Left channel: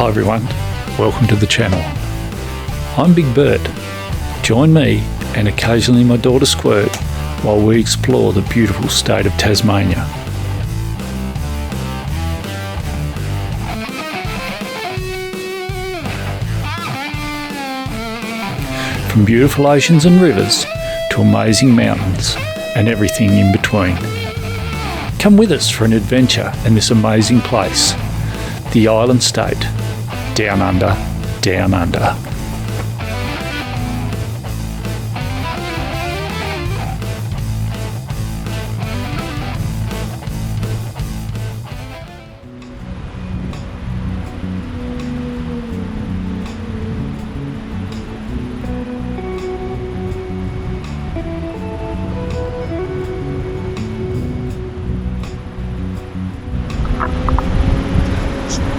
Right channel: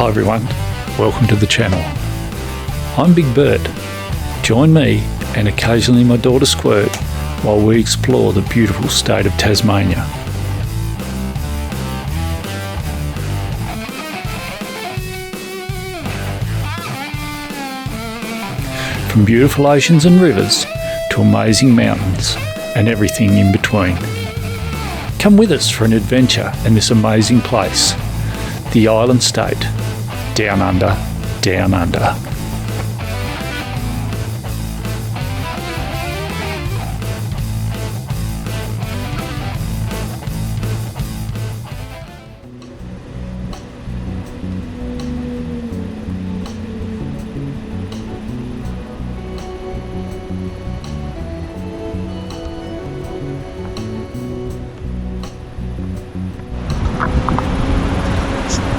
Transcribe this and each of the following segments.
Hi everyone, welcome to the channel. I'm Big Bert. Join me and occasionally my daughter Squirt while we explore the beautiful state of Tasmania. From beautiful oceans and rivers to amazing mountains and everything in between. Come with us for an adventure in this amazing place, the island state, down under, down under.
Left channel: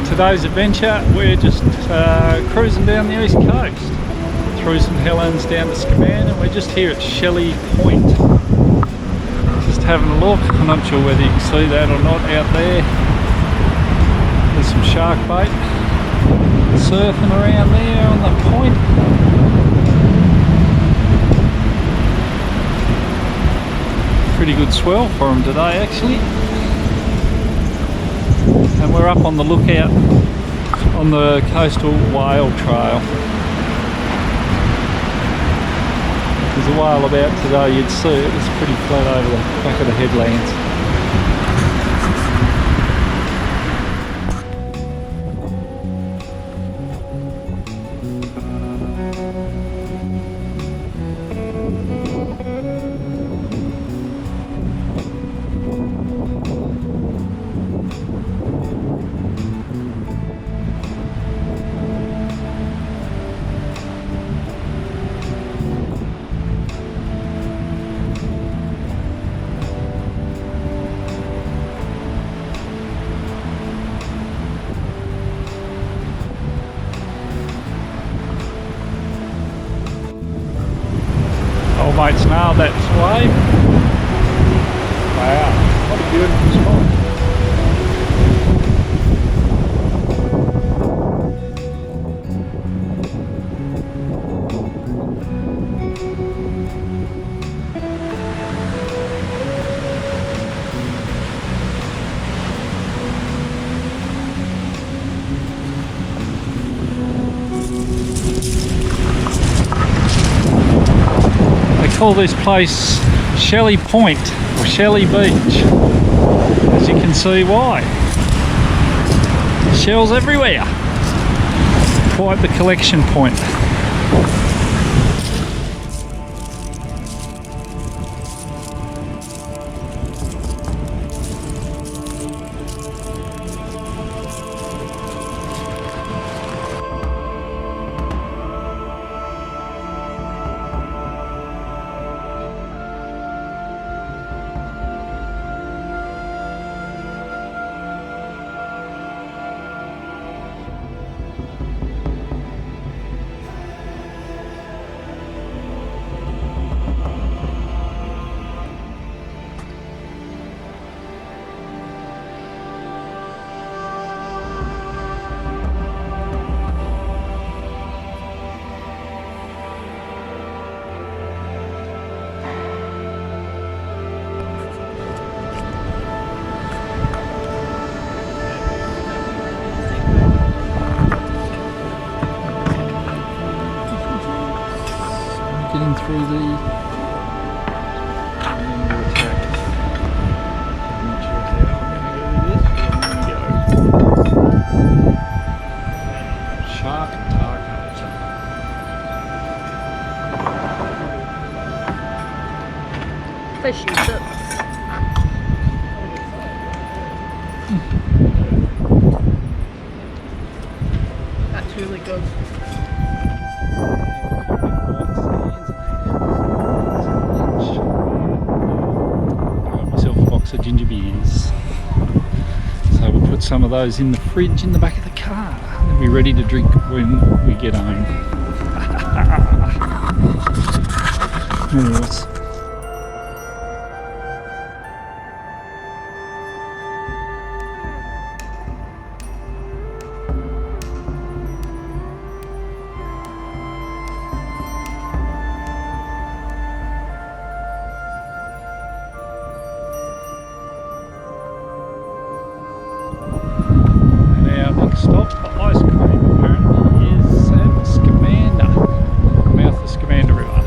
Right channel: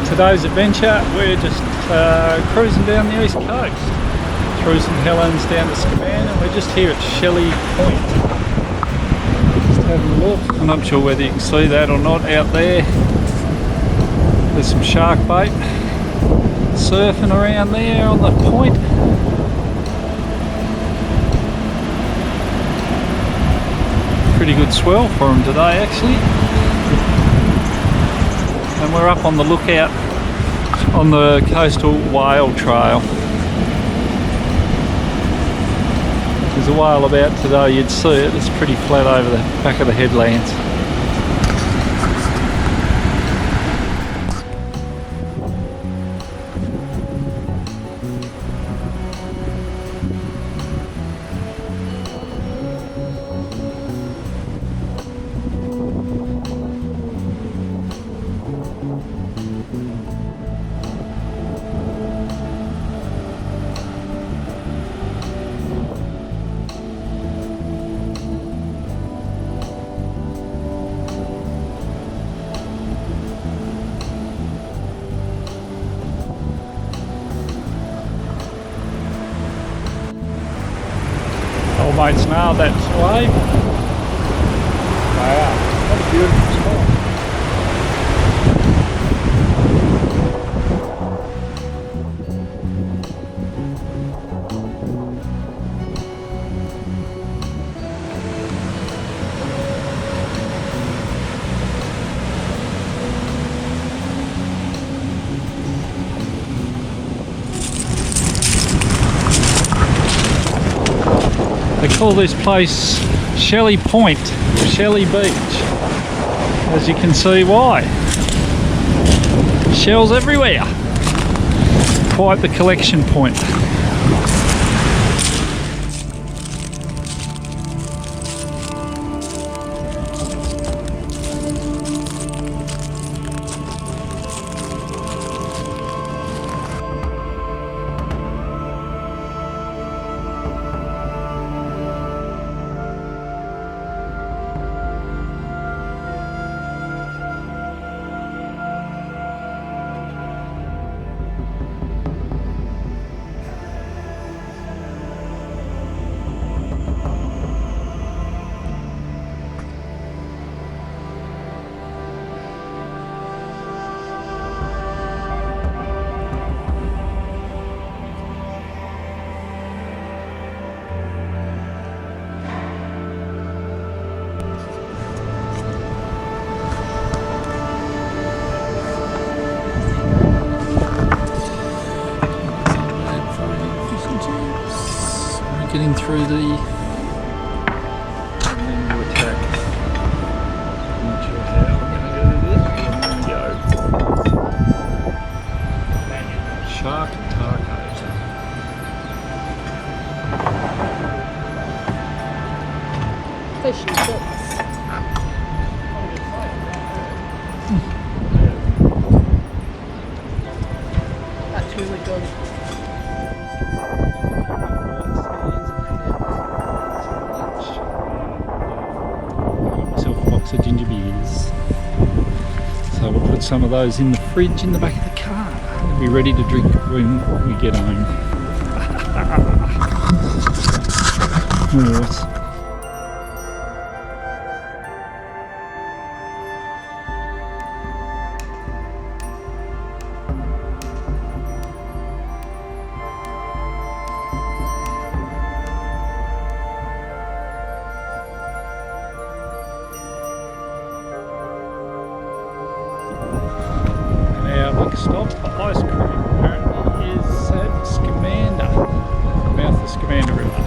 Today's adventure, we're just cruising down the east coast through St Helens down to Scaman, and we're just here at Shelley Point. Just having a look. I'm not sure whether you can see that or not out there. There's some shark bait surfing around there on the point. Pretty good swell for them today actually. And we're up on the lookout on the coastal whale trail. There's a whale about today, you'd see it. It's pretty flat over the back of the headlands. Old mate's nailed that wave. Wow, what a beautiful spot. They call this place Shelley Point, or Shelley Beach. As you can see why. Shells everywhere. Quite the collection point. Getting through the attack. I'm not sure how we're going to do this, but I'm going to go. Shark tacos. Fish and chips. That's really good. A box of ginger beers, so we'll put some of those in the fridge in the back of the car and be ready to drink when we get home. Nice. next stop for ice cream apparently is at Scamander, mouth of Scamander River.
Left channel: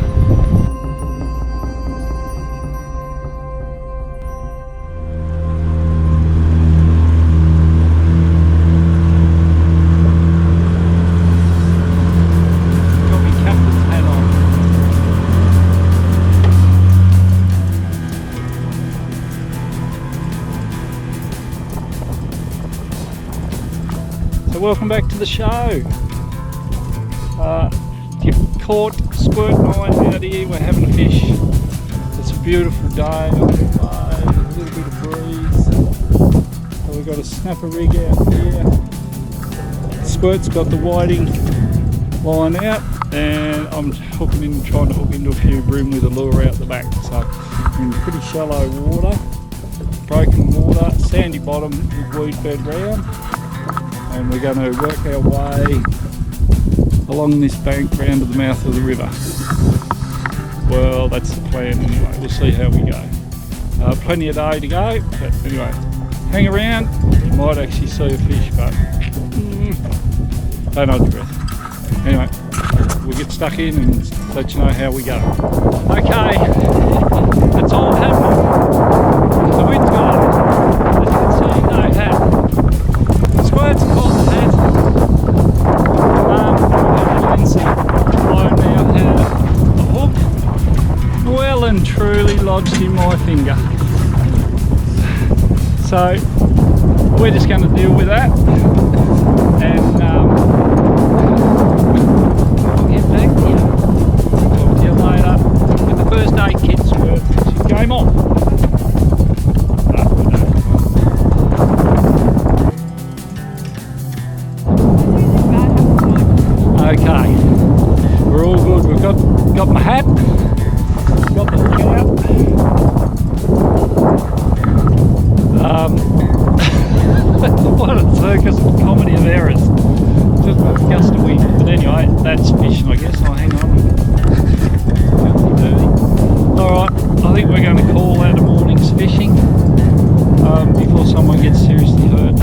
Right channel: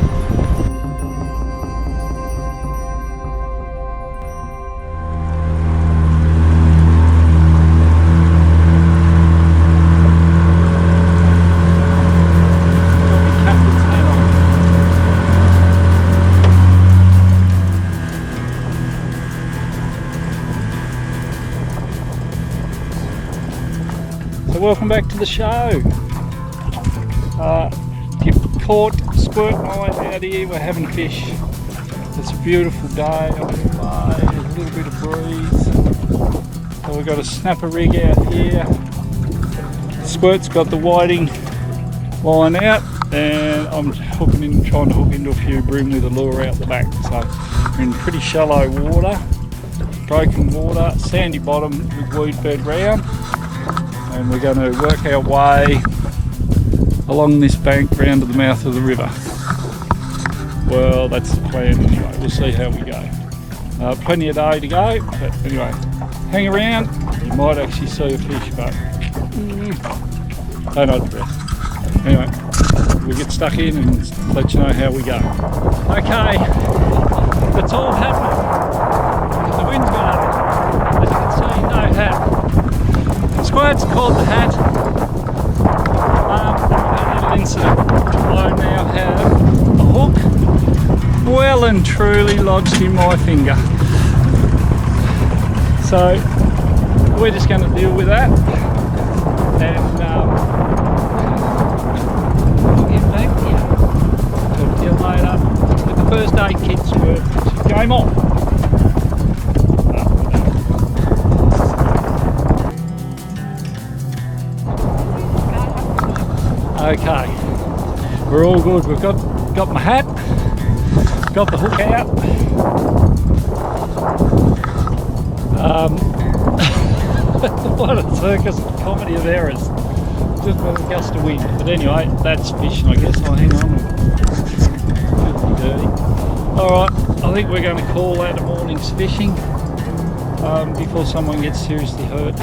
So welcome back to the show. You've caught Squirt and I out here, we're having a fish. It's a beautiful day on the bay, a little bit of breeze. So we've got a snapper rig out here. Squirt's got the whiting line out and I'm trying to hook into a few bream with a lure out the back. So we're in pretty shallow water, broken water, sandy bottom with weed bed round. And we're going to work our way along this bank round to the mouth of the river. Well, that's the plan anyway. We'll see how we go. Plenty of day to go, but anyway, hang around. You might actually see a fish, but don't hold your breath. Anyway, we'll get stuck in and let you know how we go. Okay, it's all happening. The wind's got up. As you can see, no hat. Squirt's caught the hat. We've had a little incident. I now have a hook well and truly lodged in my finger. So we're just going to deal with that, and we'll get back to you. Talk to you later with the first aid kit, Squirt. Game on. Okay, we're all good. We've got my hat, got the hook out. What a circus of comedy of errors. Just a gust of wind. But anyway, that's fishing, I guess. Oh, hang on. Filthy dirty. Alright, I think we're going to call out a morning's fishing before someone gets seriously hurt.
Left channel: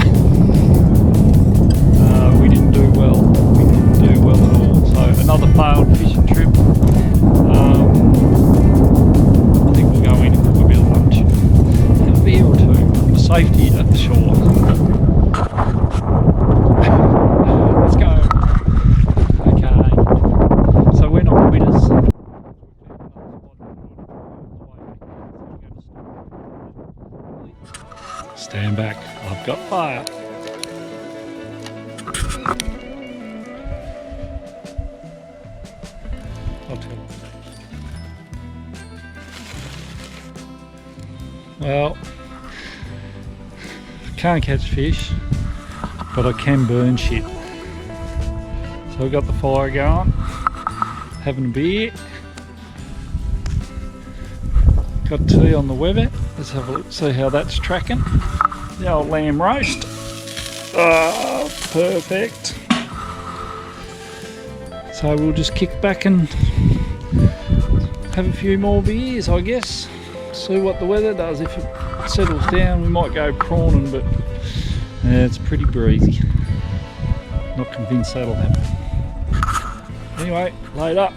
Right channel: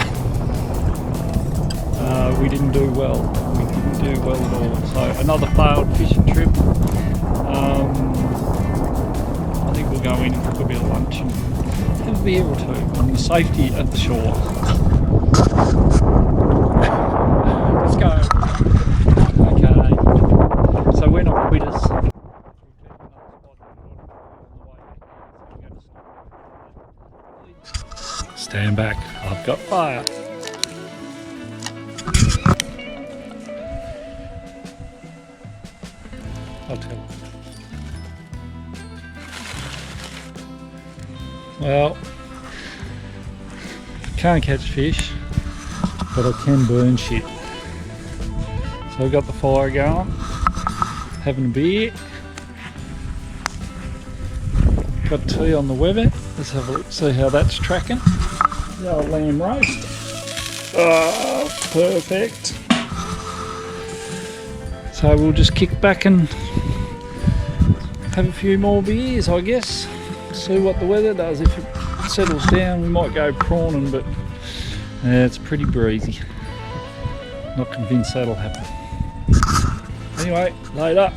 We didn't do well. We didn't do well at all. So another failed fishing trip. I think we'll go in and cook a bit of lunch. Have a beer or two on the safety of the shore. Let's go. Okay. So we're not quitters. Stand back. I've got fire. I'll tell you. Well, can't catch fish, but I can burn shit. So I've got the fire going, having a beer, got tea on the Weber. Let's have a look, see how that's tracking. The old lamb roast. Oh, perfect. So we'll just kick back and have a few more beers, I guess. See what the weather does. If it settles down, we might go prawning, but it's pretty breezy. Not convinced that'll happen. Anyway, load up.